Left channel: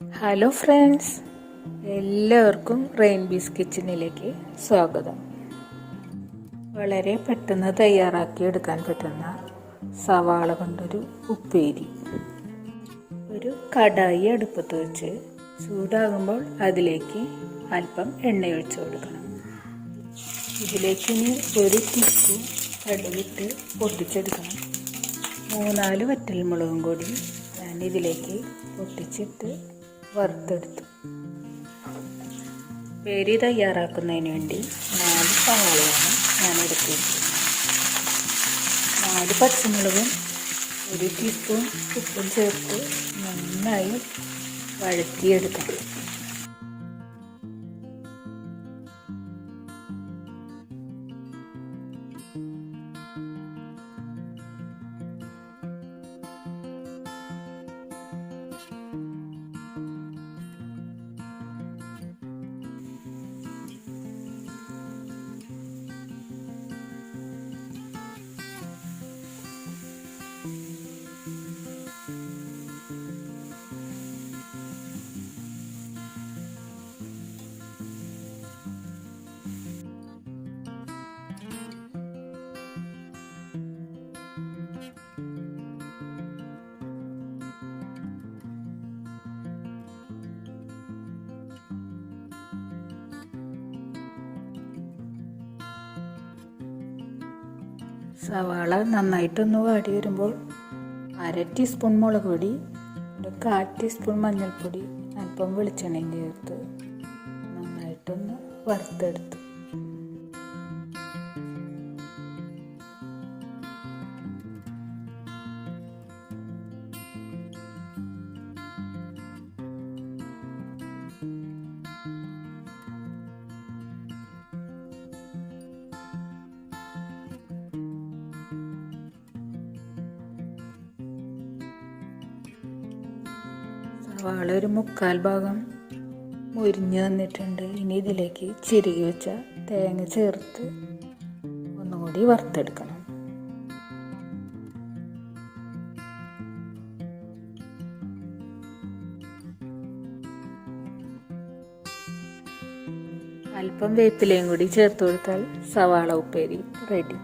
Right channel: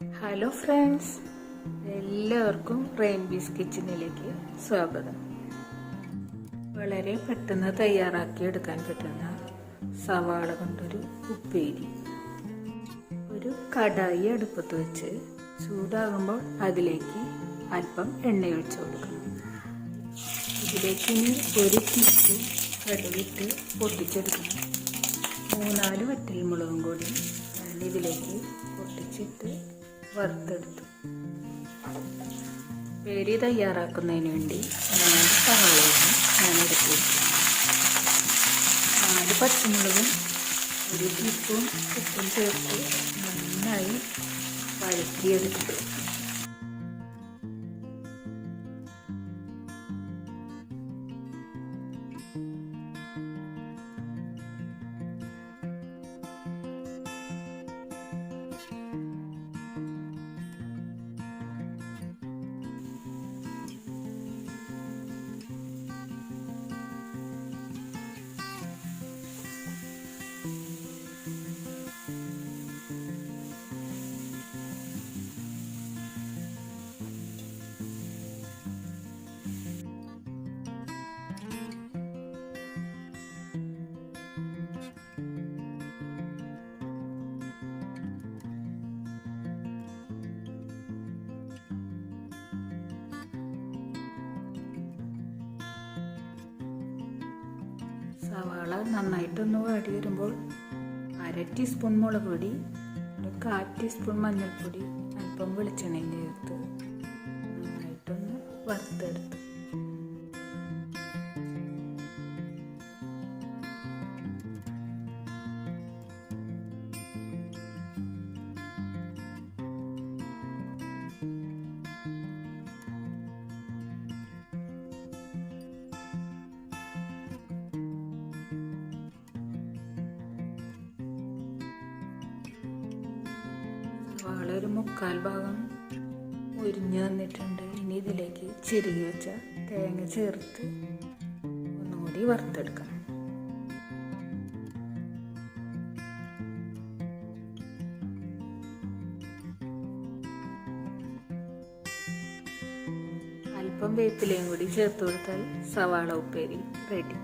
Hello friends, എല്ലാവർക്കും റെയിൻബീസ് കിച്ചണിലേക്ക് സ്വാഗതം. വളരെ പെട്ടെന്ന് തയ്യാറാക്കി എടുക്കാൻ പറ്റുന്ന സവാള കൊണ്ടൊരു ഉപ്പേരി. ഒരു കടായി അടുപ്പത്ത് വെച്ച് ചൂടാകുമ്പോൾ അതിലേക്ക് അല്പം എണ്ണ ഒഴിച്ചു കൊടുക്കണം. ഇതിലേക്ക് ഇനി 1 ടീസ്പൂൺ കടുകിട്ട് പൊട്ടിച്ചെടുക്കണം. 3-4 വറ്റൽമുളകും കൂടി ഞാൻ ഇതിലേക്ക് പൊട്ടിച്ചിട്ട് വറുത്തെടുത്തു. ഉപ്പേരി തയ്യാറാക്കുന്നതിന് വേണ്ടി 4 സവാളയാണ് ഞാൻ എടുത്തിരിക്കുന്നത്. 4 പച്ചമുളകും 1 ടീസ്പൂൺ ഉപ്പും ചേർത്ത് നന്നായി വഴറ്റിയെടുക്കണം. സവാള നന്നായിട്ടൊന്ന് വാടി വരുമ്പോൾ 1/2 ടീസ്പൂൺ മുളക് പൊടി, 1/4 ടീസ്പൂൺ മഞ്ഞൾപ്പൊടി, അല്പം വെളിച്ചെണ്ണയും ചേർത്ത് നന്നായിട്ടൊന്ന് വറുത്തെടുത്തു. സവാള ഒരു 1/4 ഭാഗം മുരിഞ്ഞ് വന്നിട്ടുണ്ട്. ഇനി ഇതിലേക്ക് ചിരകി വെച്ച തേങ്ങ ചേർത്ത് ഒന്നുകൂടി വറുത്തെടുക്കണം. അല്പം വേപ്പിലയും കൂടി ചേർത്ത് കൊടുത്താൽ സവാള ഉപ്പേരി റെഡി.